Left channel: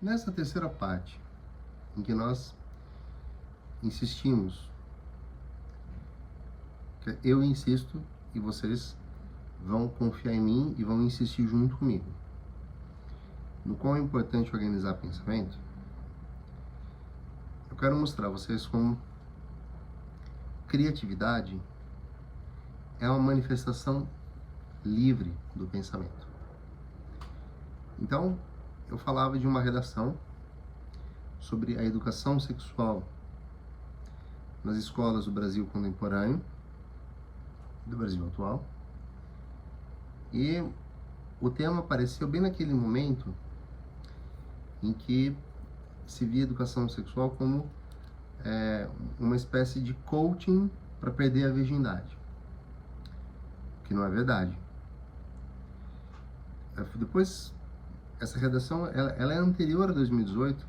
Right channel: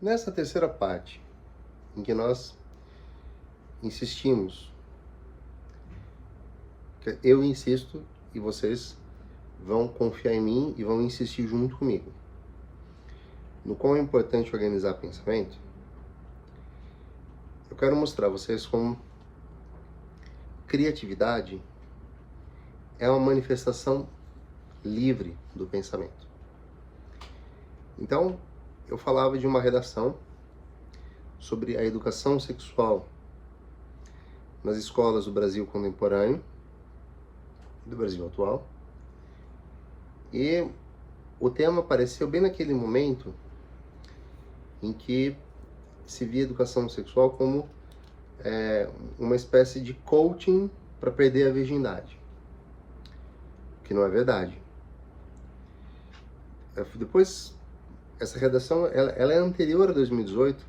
Nessa terceira parte, em que nós insistimos, eu insisto e vocês vão confiar em mim e vão insistir junto comigo, no quão é importante organizar pensamento, eu quero mostrar a vocês como criatividade é uma manifestação livre do pensamento. Então, eu falava de uma redação sobre a educação sexual nas escolas do Brasil contemporâneo, do Brasil atual, e o tema apareceu bem naquele momento em que se via educação sexual como uma espécie de coaching para perder a virgindade, que não é verdade. Depois, essa redação ela é anterior a 2018,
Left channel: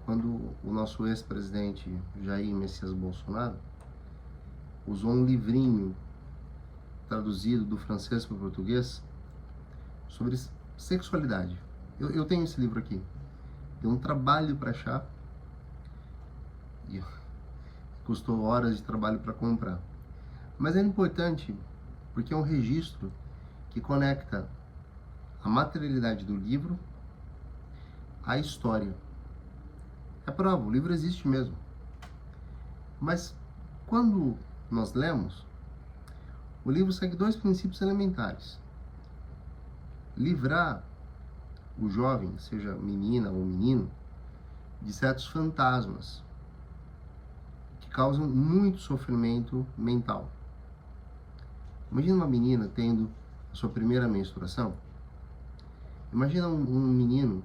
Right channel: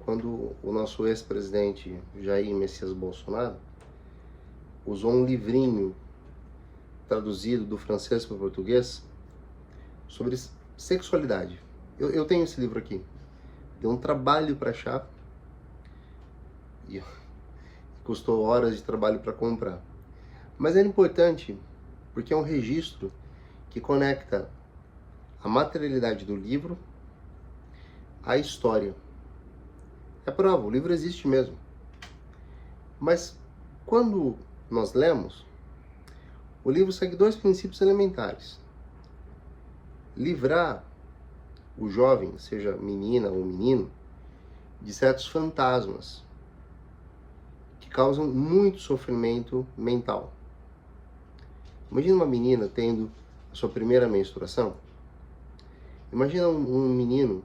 quando o nosso ex-presidente Jair Messias Bolsonaro usou um livrinho traduzido do francês para o português sobre sexualidade. Eu tenho esse livro aqui. Deu um trabalho para achar e custou horas de trabalho para comprar. Mas é importante porque é um registro que conecta a materialidade do livro à história. É prova, o livro existe mesmo. Mas quando nós lemos, o livro segue dois princípios elementares. Livrar o jovem, seja menina ou menino, de certos fantasmas que causam muito sofrimento mental. Imagina uma menina tendo a sua primeira menstruação. Imagina um menino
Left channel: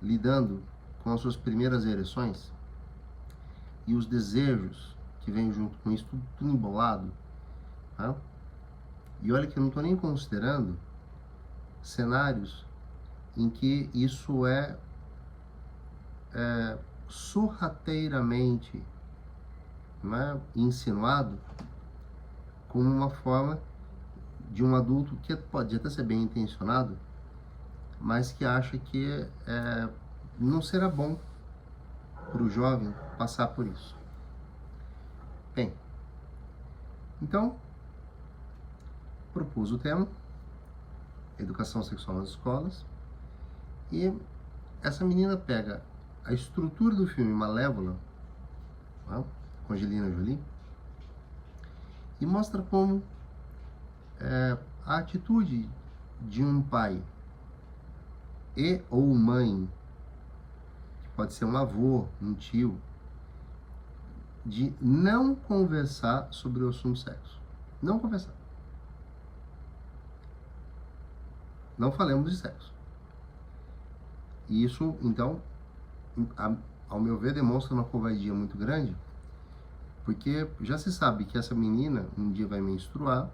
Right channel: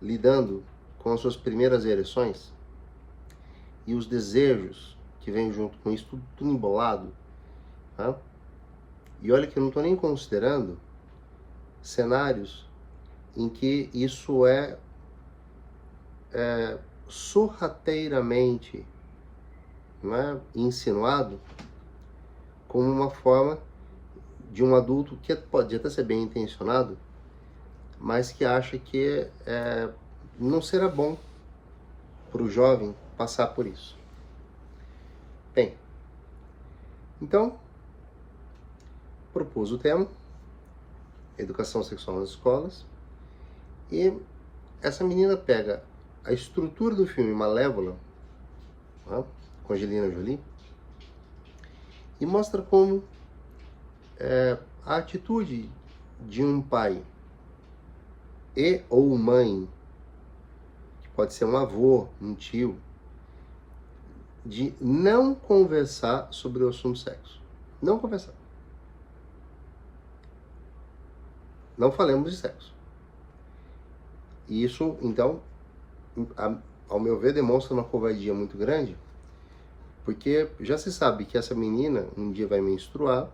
lidando com as suas primeiras ereções e os desejos que vêm junto com isso, tudo embolado. Tá? E olha que eu não estou nem considerando cenários em que isso é sorrateiramente, não é, insinuado como uma forma de um adulto que pode até ser bem intencionado, mas que acha que não será bom para o jovem passar por isso. Bem, então, propus o tema, educação sexual nas escolas, e essa menina pega a estrutura do filme Malévola, né, com Angelina Jolie, e mostra como a atitude de um pai e ou mãe, que pode ser um avô, um tio, de não conversar sobre o assunto sexo. Não conversar. Não falemos de sexo. E isso, então, ao meu ver, demonstra uma covardia muito grande, porque já se sabe que essa menina um dia vai menstruar,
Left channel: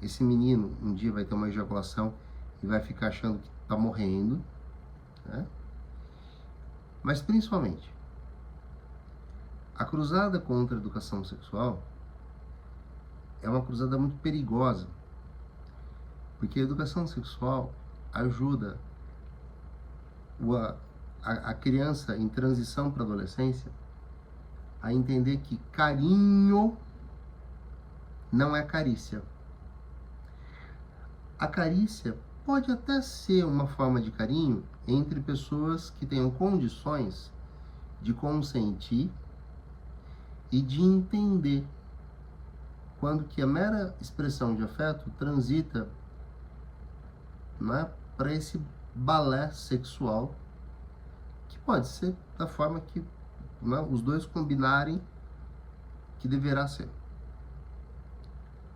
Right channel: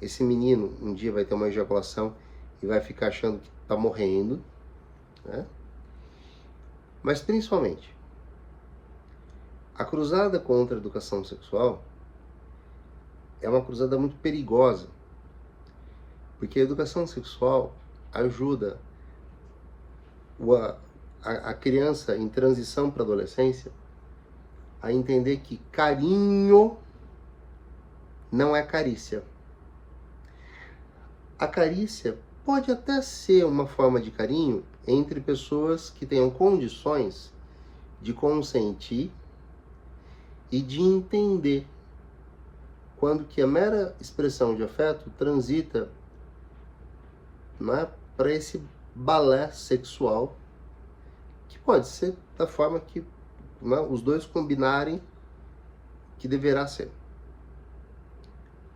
esse menino um dia vai ter uma ejaculação e vai ficar achando que está morrendo, né? Mas principalmente, a cruzada contra a educação sexual é uma cruzada muito perigosa, porque a educação sexual ajuda a criança em transição para a adolescência a entender que carinho não é carícia. A carícia pode até ser uma forma de carinho entre pessoas que tenham condições de consentir e de entender quando que a mera expressão de afeto transita, né, para esse balé sexual, que pode ser da forma que, né, os dois combinarem que deverá ser.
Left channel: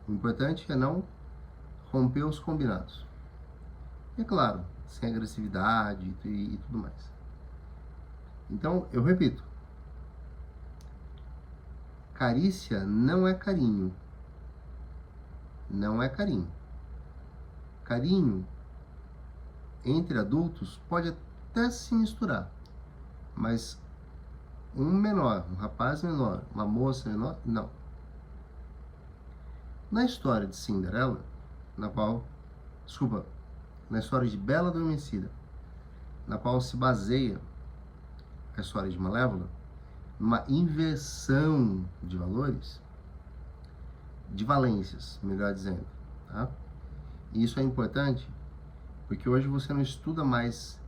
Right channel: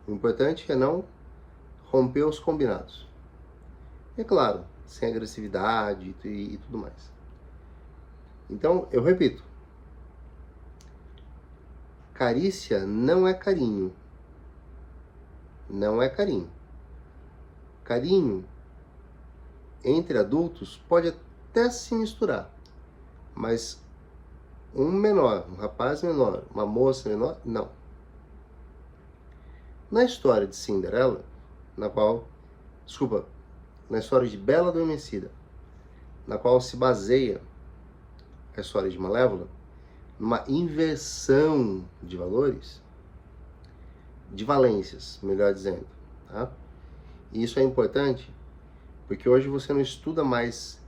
O importante é não romper os combinados. E é claro, sem agressividade e tudo mais. Então, eu repito, carícia não é carinho. Não é carinho. Carinho entre adultos pode até se misturar, mas um menor, um rapaz menor, uma moça menor, não. Na história de Cinderela, na história de Bela Adormecida, na qual se baseia a história de Malévola, numa inversão de valores, de valências, melhor dizendo, tá? E isso é importante porque hoje você não estuda mais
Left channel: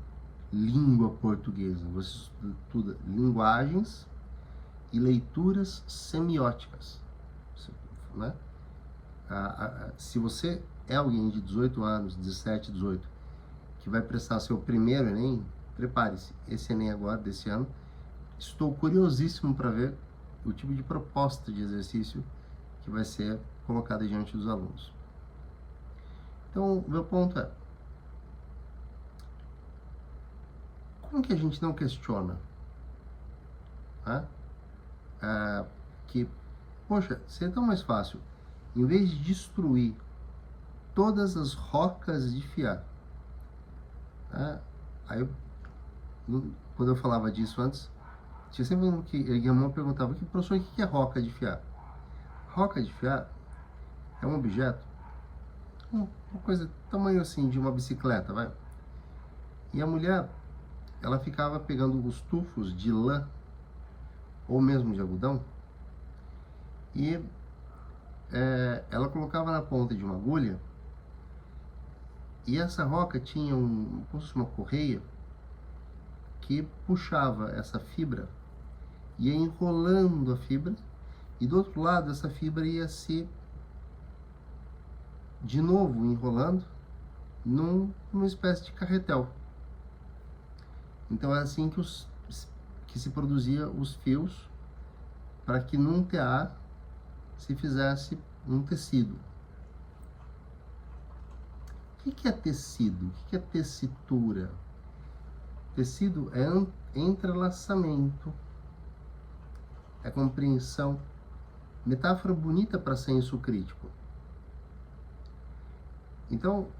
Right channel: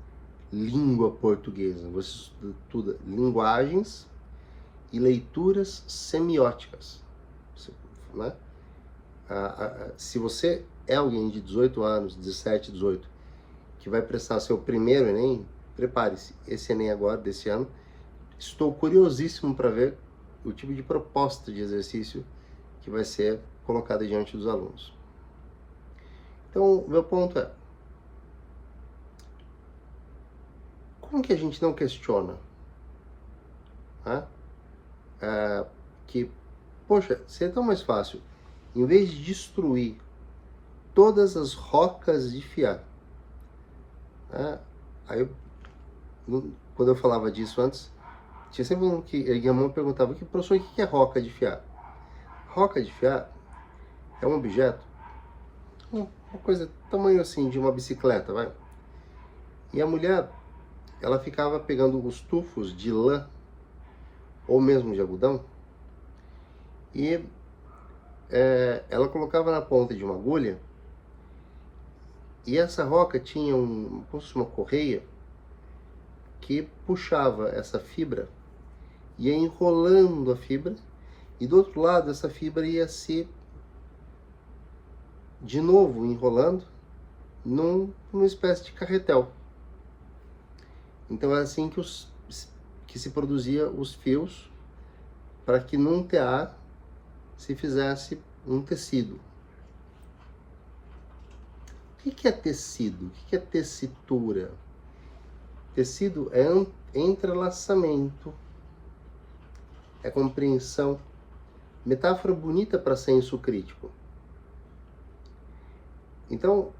língua portuguesa, você estuda linguagens e leituras semióticas, né? Se você é alguém de 18 anos, 17, 18, que vai prestar seu primeiro Enem, prepare-se. Esse Enem agora, desse ano, estou curiosíssimo para ver o tipo de proposta de exercício que vai ser colocada diante dos alunos. Então, meu ponto é, como que a gente não questiona, né? Que, poxa, seria tão mais fácil, em vez de destruir todas as rocas de fiar, né? Aí, quando eu falava disso antes, tinha sempre um que a minha mãe perguntava, professor, o que é roca de fiar? Roca de fiar é um objeto, uma coisa tamanho assim de uma bicicleta, vai. E a mulher, ela ficava pegando os tufos de lã ou mesmo de algodão e ela colocava na ponta de uma agulha e essa roca tinha como se fosse uma correia que puxava essa fibra, ia enrolando a fibra e do outro lado essa fibra ia se de novo enrolando numa espécie de carretel. Então é assim que se produzia os fios para que num tear se fizesse um tecido. O que é tecido? O que é tessitura? Tecido é entrelaçamento, é compreensão. Metáfora bonita para senso crítico. Então,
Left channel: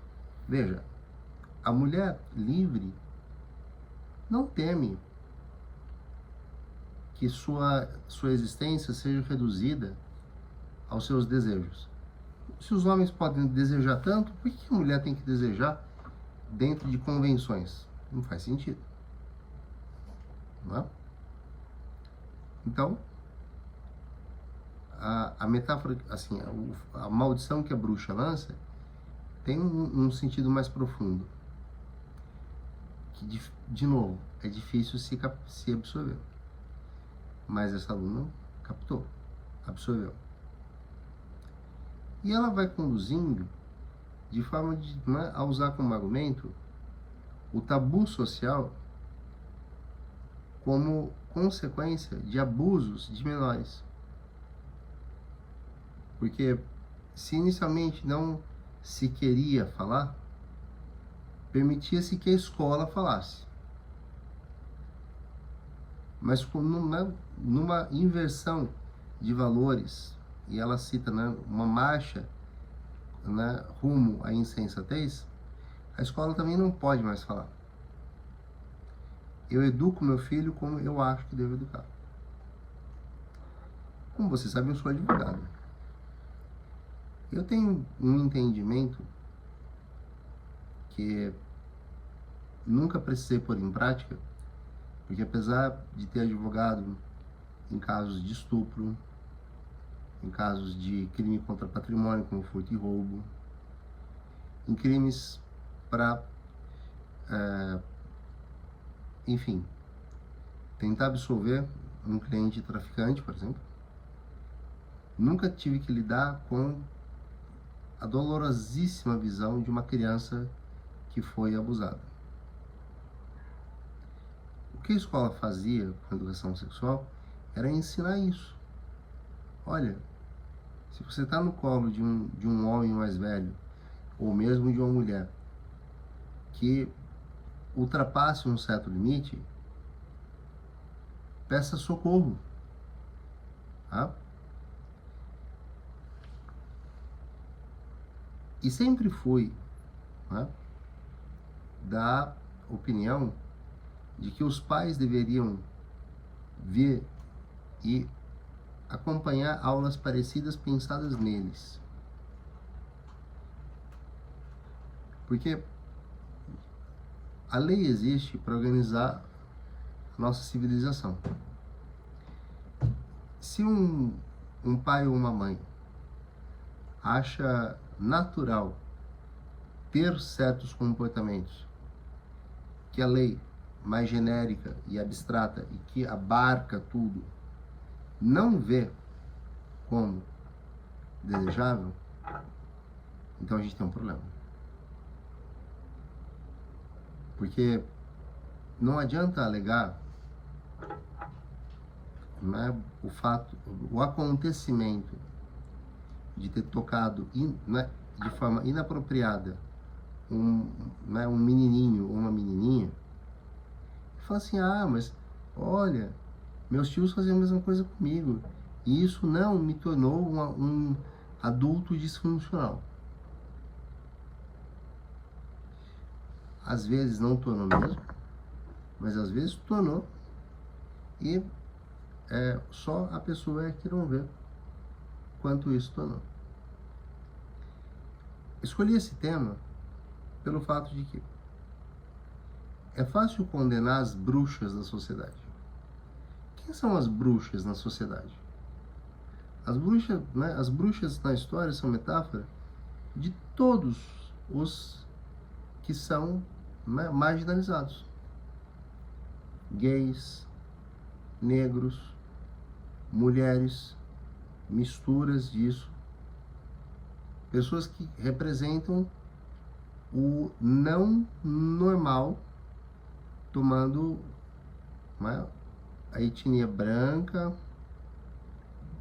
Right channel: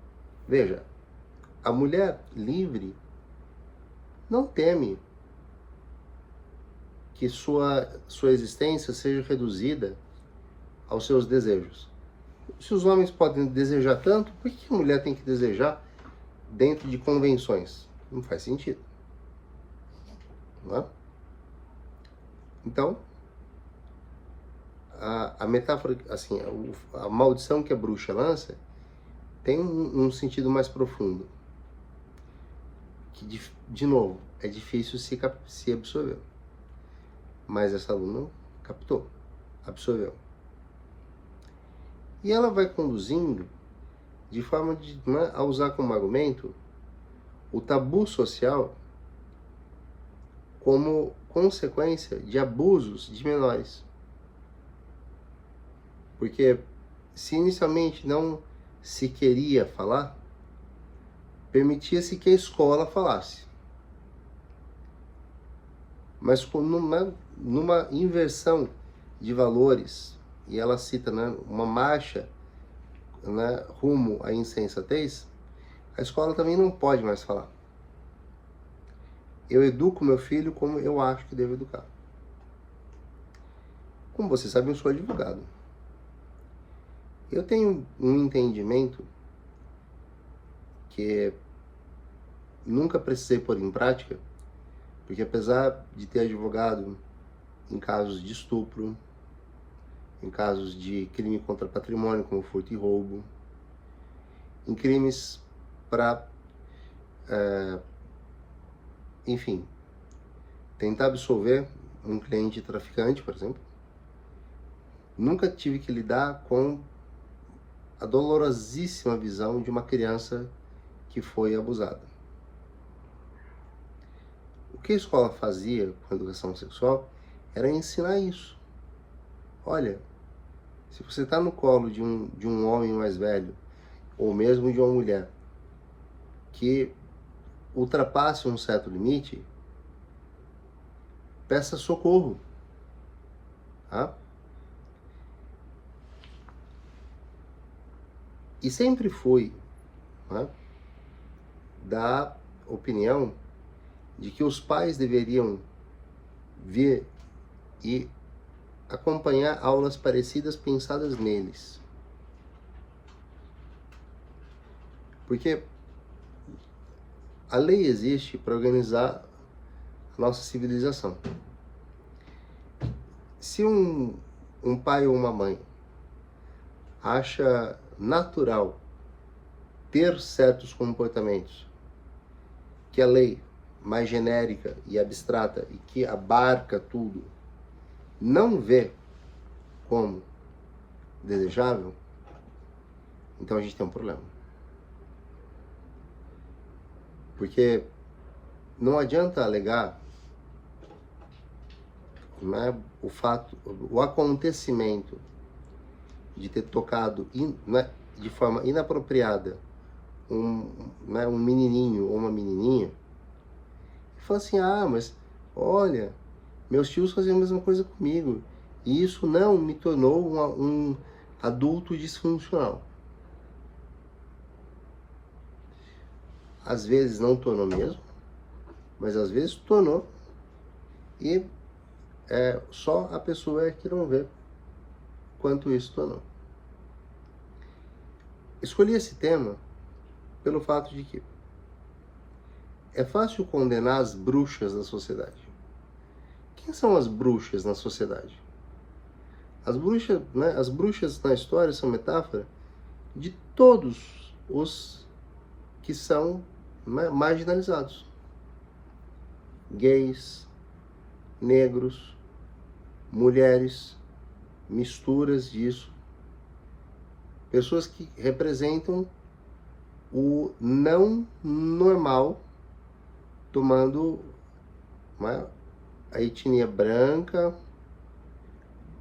veja, a mulher livre não teme que sua existência seja reduzida aos seus desejos. Se os homens podem desejar tanto, por que a mulher tem que desejar dentro de convenções? Não faz sentido. Não é? Então, a metáfora, assim, a maldição que a bruxa lança tem um sentido mais profundo. Que, de novo, é difícil se absorver. Mas essa aluna captou, absorveu. E ela vai conduzindo de forma a usar como argumento o tabu social como consequência de abusos de menores. Porque se inicialmente não se queria falar, permitia-se que a escola falasse. Mas numa inversão de valores, e ela cita, né, uma marcha, né, rumo à insensatez, a escola também não pode mais falar. Eu educo meu filho como eu acho que devo educar. Como você sabe, eu sou advogado. Eu tenho um entendimento que nunca precisei pôr em prática, porque apesar de ter advogado em casos de estupro, em casos de crime contra patrimônio, como furto e roubo, em crimes para, enfim, tentar absolver um cliente traficante, por exemplo, nunca tive que lidar com a dolorosíssima visão de uma criança que foi abusada. O que a escola fazia com a educação sexual era ensinar isso. Olha, se você está no colo de um homem mais velho, ou mesmo de uma mulher, que ultrapasse um certo limite, peça socorro. Tá? E sempre fui, né, da opinião de que os pais deveriam vir e acompanhar aulas parecidas pensadas neles. Porque a lei existe para organizar a nossa civilização. Se um pai ou uma mãe acha natural ter certos comportamentos que a lei mais genérica e abstrata e que abarca tudo não vê como desejável, então a gente tem um problema. Porque não adianta alegar, né, o acontecimento de ter tocado de forma inapropriada um menininho ou uma menininha, e falar assim, mas olha, meus tios faziam a mesma coisa comigo, e isso não me tornou um adulto disfuncional. Às vezes não tornou mesmo, mas às vezes tornou, e só a pessoa é que não vê quanto isso tornou. Escolhi esse tema pelo fato de que é fácil condenar as bruxas da sociedade. Quem são as bruxas na sociedade? As bruxas na história são metáfora de todos os que são marginalizados. Gays, negros, mulheres, misturas disso. Pessoas que representam o não normal, tomando a etnia branca,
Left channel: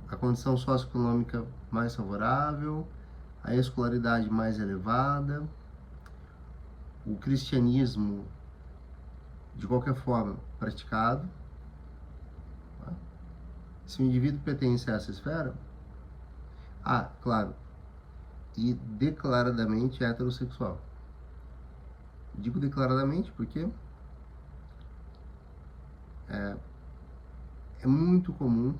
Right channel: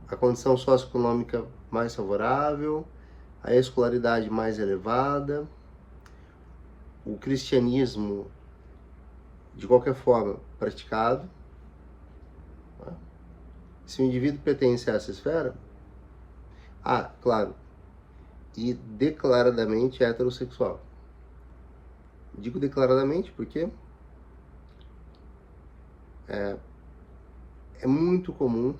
a condição socioeconômica mais favorável, a escolaridade mais elevada, o cristianismo de qualquer forma praticado. Se o indivíduo pertence a essa esfera, claro, e declaradamente heterossexual. Digo declaradamente porque é muito comum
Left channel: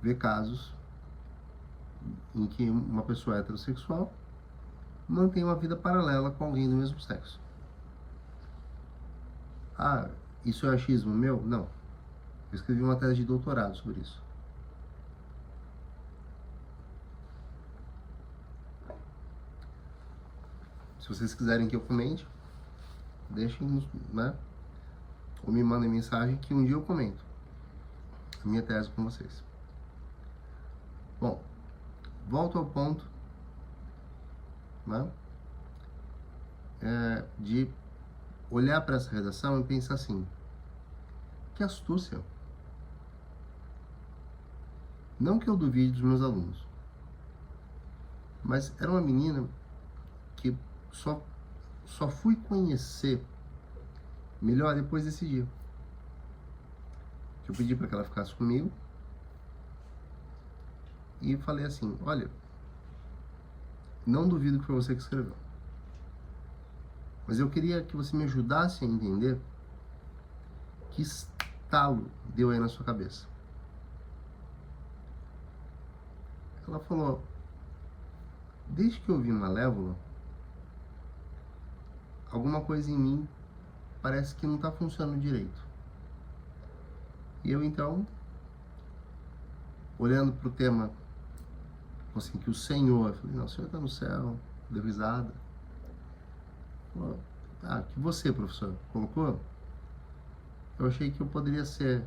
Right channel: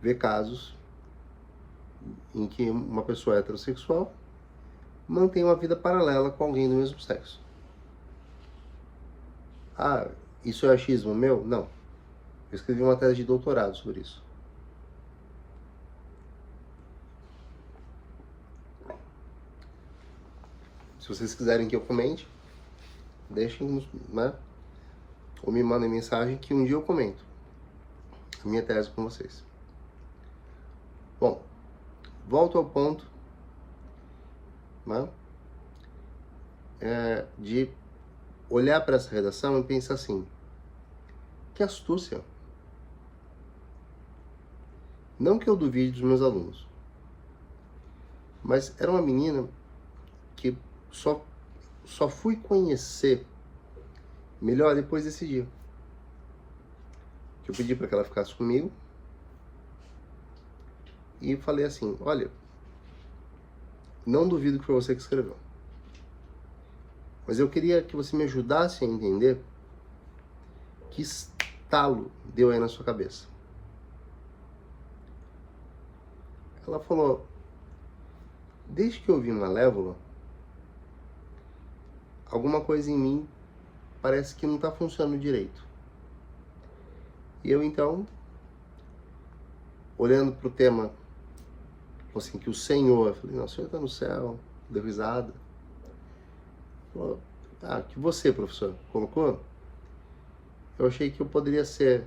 ver casos em que uma pessoa heterossexual mantém uma vida paralela com alguém do mesmo sexo. Isso é achismo meu? Não. Eu escrevi uma tese de doutorado sobre isso. Se vocês quiserem que eu comente, deixem, ou me mandem mensagem que um dia eu comento a minha tese com vocês. Bom, volto ao ponto de olhar para essa redação e pensar assim, que astúcia. Não que eu duvide dos meus alunos, mas era uma menina que só fui conhecer melhor depois desse dia. Que eu pedi para que ela ficasse comigo e falei assim, olha, não duvido que foi você que escreveu, mas eu queria que você me ajudasse a entender que estalo deu aí na sua cabeça. Ela falou, desde que eu vi Malévola, alguma coisa em mim parece que não está funcionando direito. E eu então, olhando para o tema, assim, que o Senhor, eu falei, não, o Senhor está no céu, deu risada. Falou, que você, professor, colocou, eu achei que eu poderia ser.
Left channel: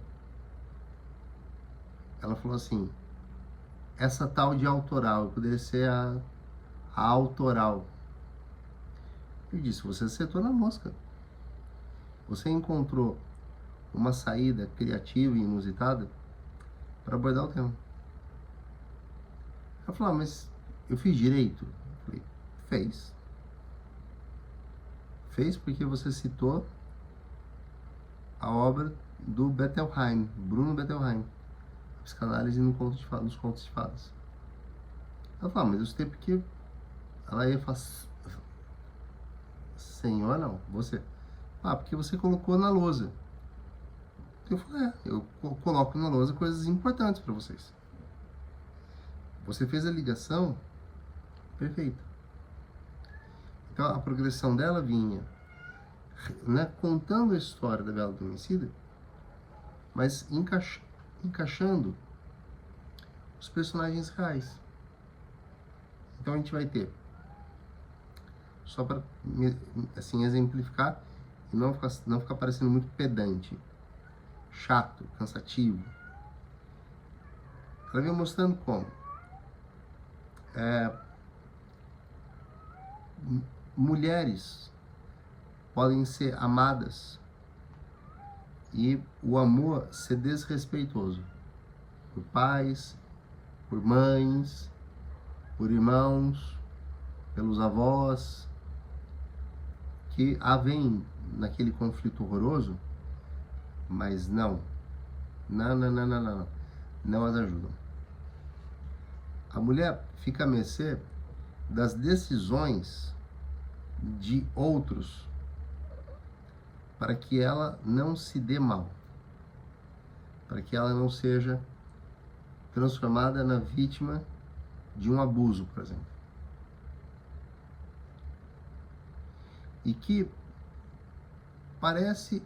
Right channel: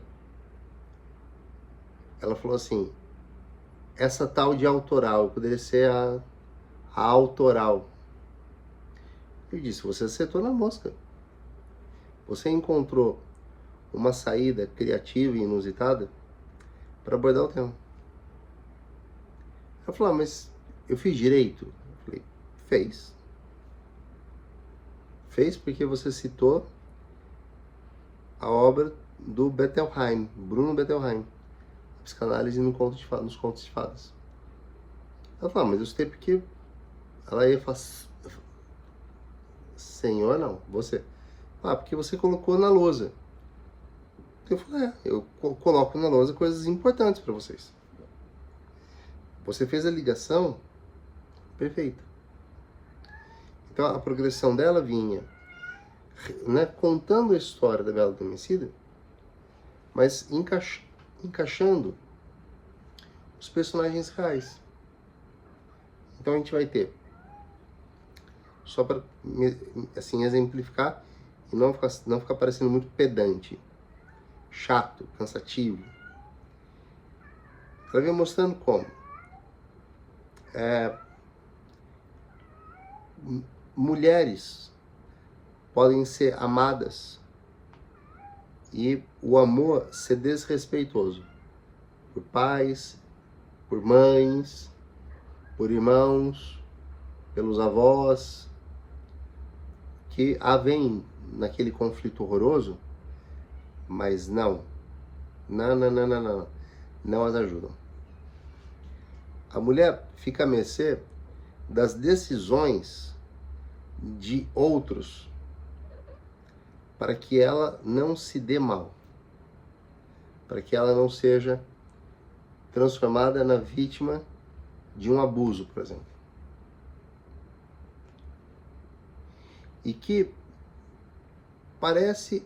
Ela falou assim, essa tal de autoral, eu poderia ser a autoral. Eu disse, você acertou na mosca. Você encontrou uma saída criativa e inusitada para abordar o tema. Ela falou, mas eu fiz direito? Eu falei, fez. Fez porque você citou a obra do Bettelheim, Bruno Bettelheim, a psicanálise nos contos de fadas. Ela falou, mas eu citei porque ela ia falar, senhor, não, você. Porque você colocou na lousa. Eu falei, eu coloco na lousa coisas importantes para vocês. Você fez a ligação perfeita. Então a progressão dela vinha né, contando a história da Bela Adormecida, mas encaixando os personagens reais. Então a gente vai ter, só para assim exemplificar e não ficar parecendo muito pedante, chato, cansativo. Ela vem mostrando como mulheres podem ser amadas e o amor ser desrespeitoso por pais, por mães, por irmãos, pelos avós, que havém naquele conflito horroroso, mas não as ajudam. A mulher fica à mercê das decisões de outros para que ela não se dê mal, para que ela não seja transformada na vítima de um abuso, por exemplo. E que parece,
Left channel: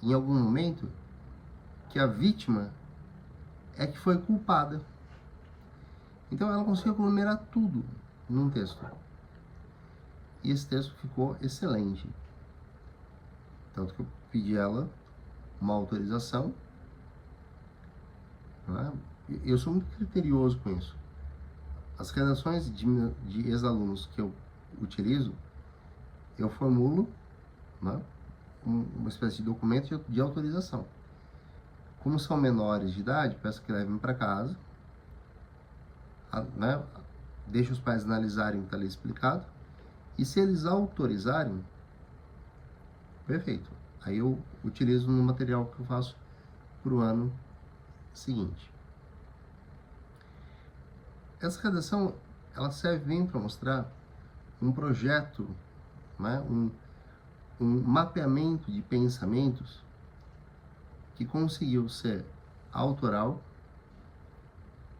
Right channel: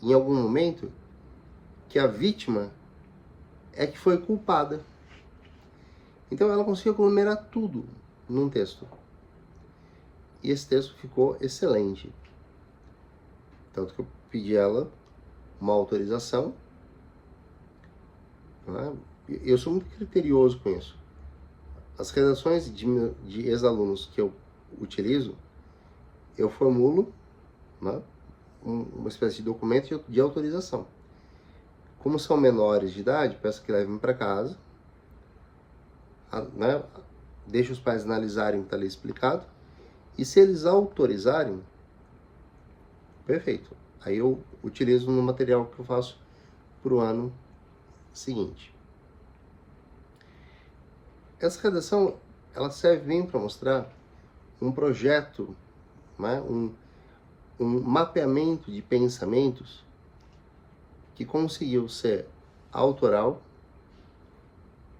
em algum momento, que a vítima é que foi culpada. Então ela conseguiu aglomerar tudo num texto. E esse texto ficou excelente. Tanto que eu pedi a ela uma autorização. Né? Eu sou muito criterioso com isso. As redações de ex-alunos que eu utilizo, eu formulo, né, uma espécie de documento de autorização. Como são menores de idade, peço que levem para casa, né, deixe os pais analisarem o que está ali explicado, e se eles autorizarem, perfeito. Aí eu utilizo no material que eu faço para o ano seguinte. Essa redação, ela serve bem para mostrar um projeto, né, um mapeamento de pensamentos que conseguiu ser autoral,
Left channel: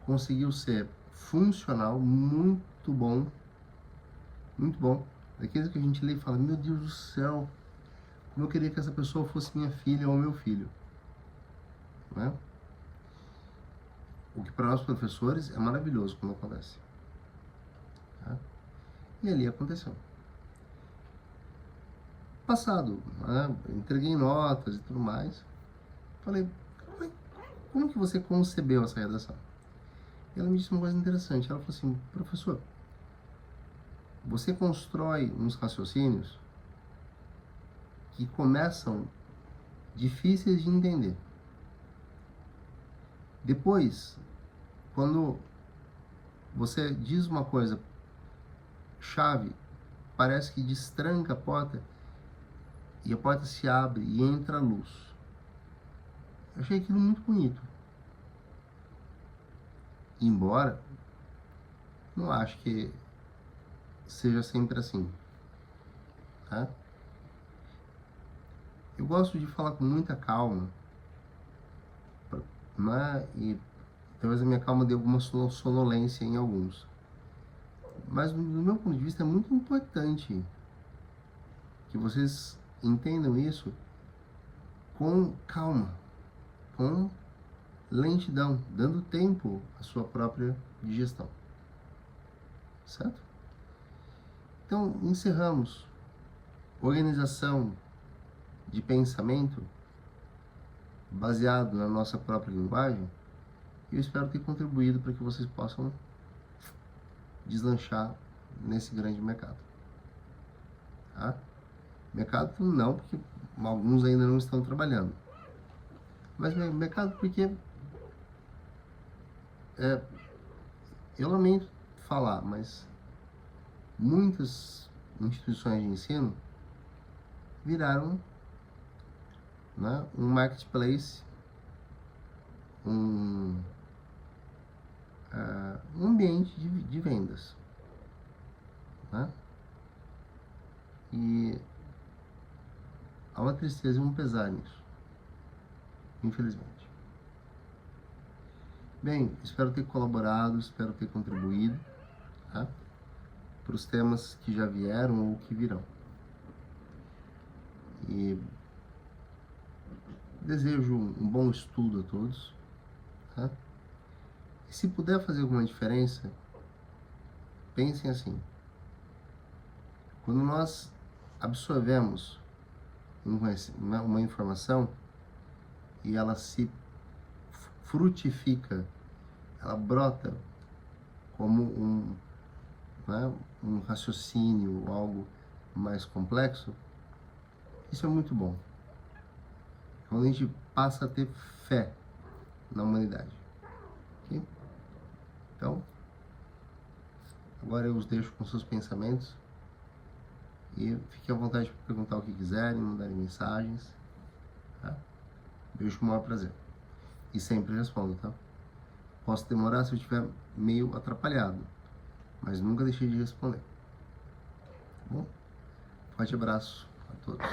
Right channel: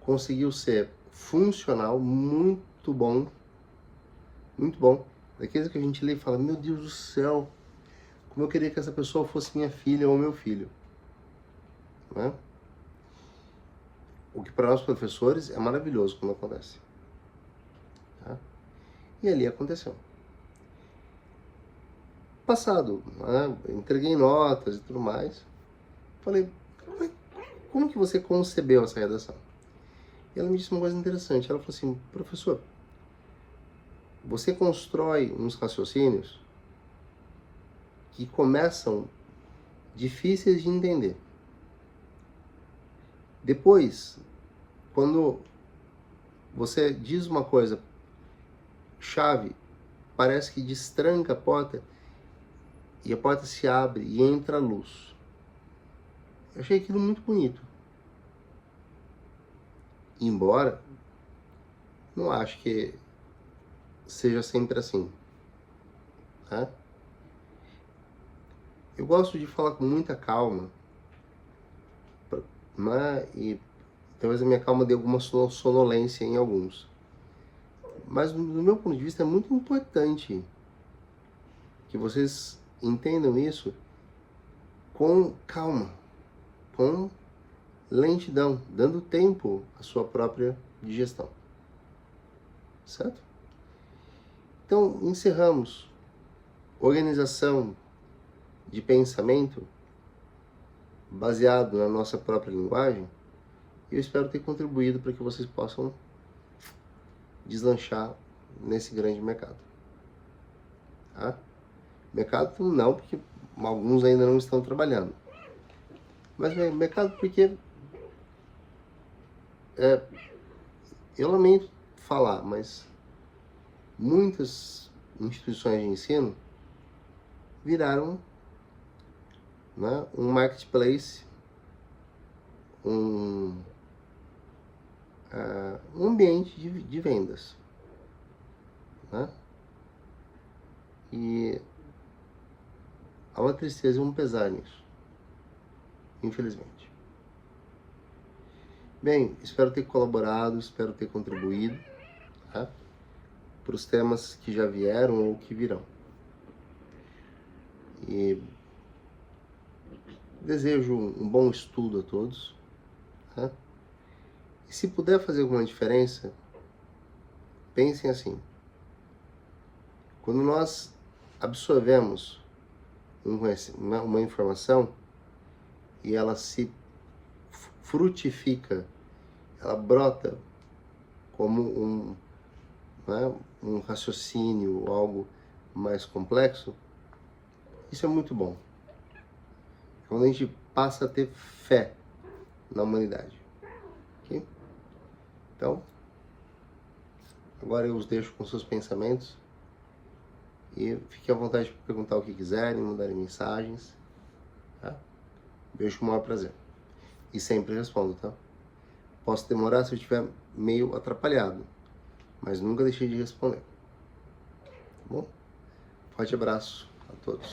conseguiu ser funcional, muito bom, daqueles que a gente lê e fala, meu Deus do céu, como eu queria que essa pessoa fosse minha filha ou meu filho, né? O que para nós professores é maravilhoso quando acontece, tá? E ali aconteceu. Passado, né, entreguei notas e tudo mais, falei, como que você concebeu essa redação? E ela me disse uma coisa interessante. Ela falou assim, professor, você constrói uns raciocínios que começam difíceis de entender. Depois, quando você diz uma coisa chave, parece que destranca a porta e a porta se abre e entra a luz. Eu achei aquilo muito bonito. Embora não acho que seja sempre assim, tá? Eu gosto de falar com muita calma, né? E talvez a minha calma dê alguma sonolência em alguns. Mas do meu ponto de vista é muito importante que vocês entendam isso com calma, com lentidão, dando tempo à sua própria digestão. Certo? Então, encerramos. Organização de pensamento baseado na nossa própria linguagem. E eu espero ter contribuído para que vocês possam deslanchar nesse grande mercado. Tá? Mercado não, porque alguns ainda não estão trabalhando. Mas mercado porque eu lamento falar, mas muitas instituições de ensino viraram, né, um marketplace, um ambiente de vendas, né? E há uma tristeza e um pesar nisso, infelizmente. Bem, espero ter colaborado, espero ter contribuído, tá, para os temas que já vieram ou que virão. E desejo um bom estudo a todos, tá? E se puder fazer alguma diferença, pensem assim: quando nós absorvemos uma informação e ela se frutifica, ela brota como né, um raciocínio ou algo mais complexo, isso é muito bom. Quando a gente passa a ter fé na humanidade. Okay? Então, agora eu os deixo com seus pensamentos e fiquem à vontade para perguntar o que quiserem, mandarem mensagens. Tá? Vejo com o maior prazer. E sempre respondo, tá? Posso demorar se eu estiver meio atrapalhado, mas nunca deixei de responder. Tá bom? Forte abraço a todos.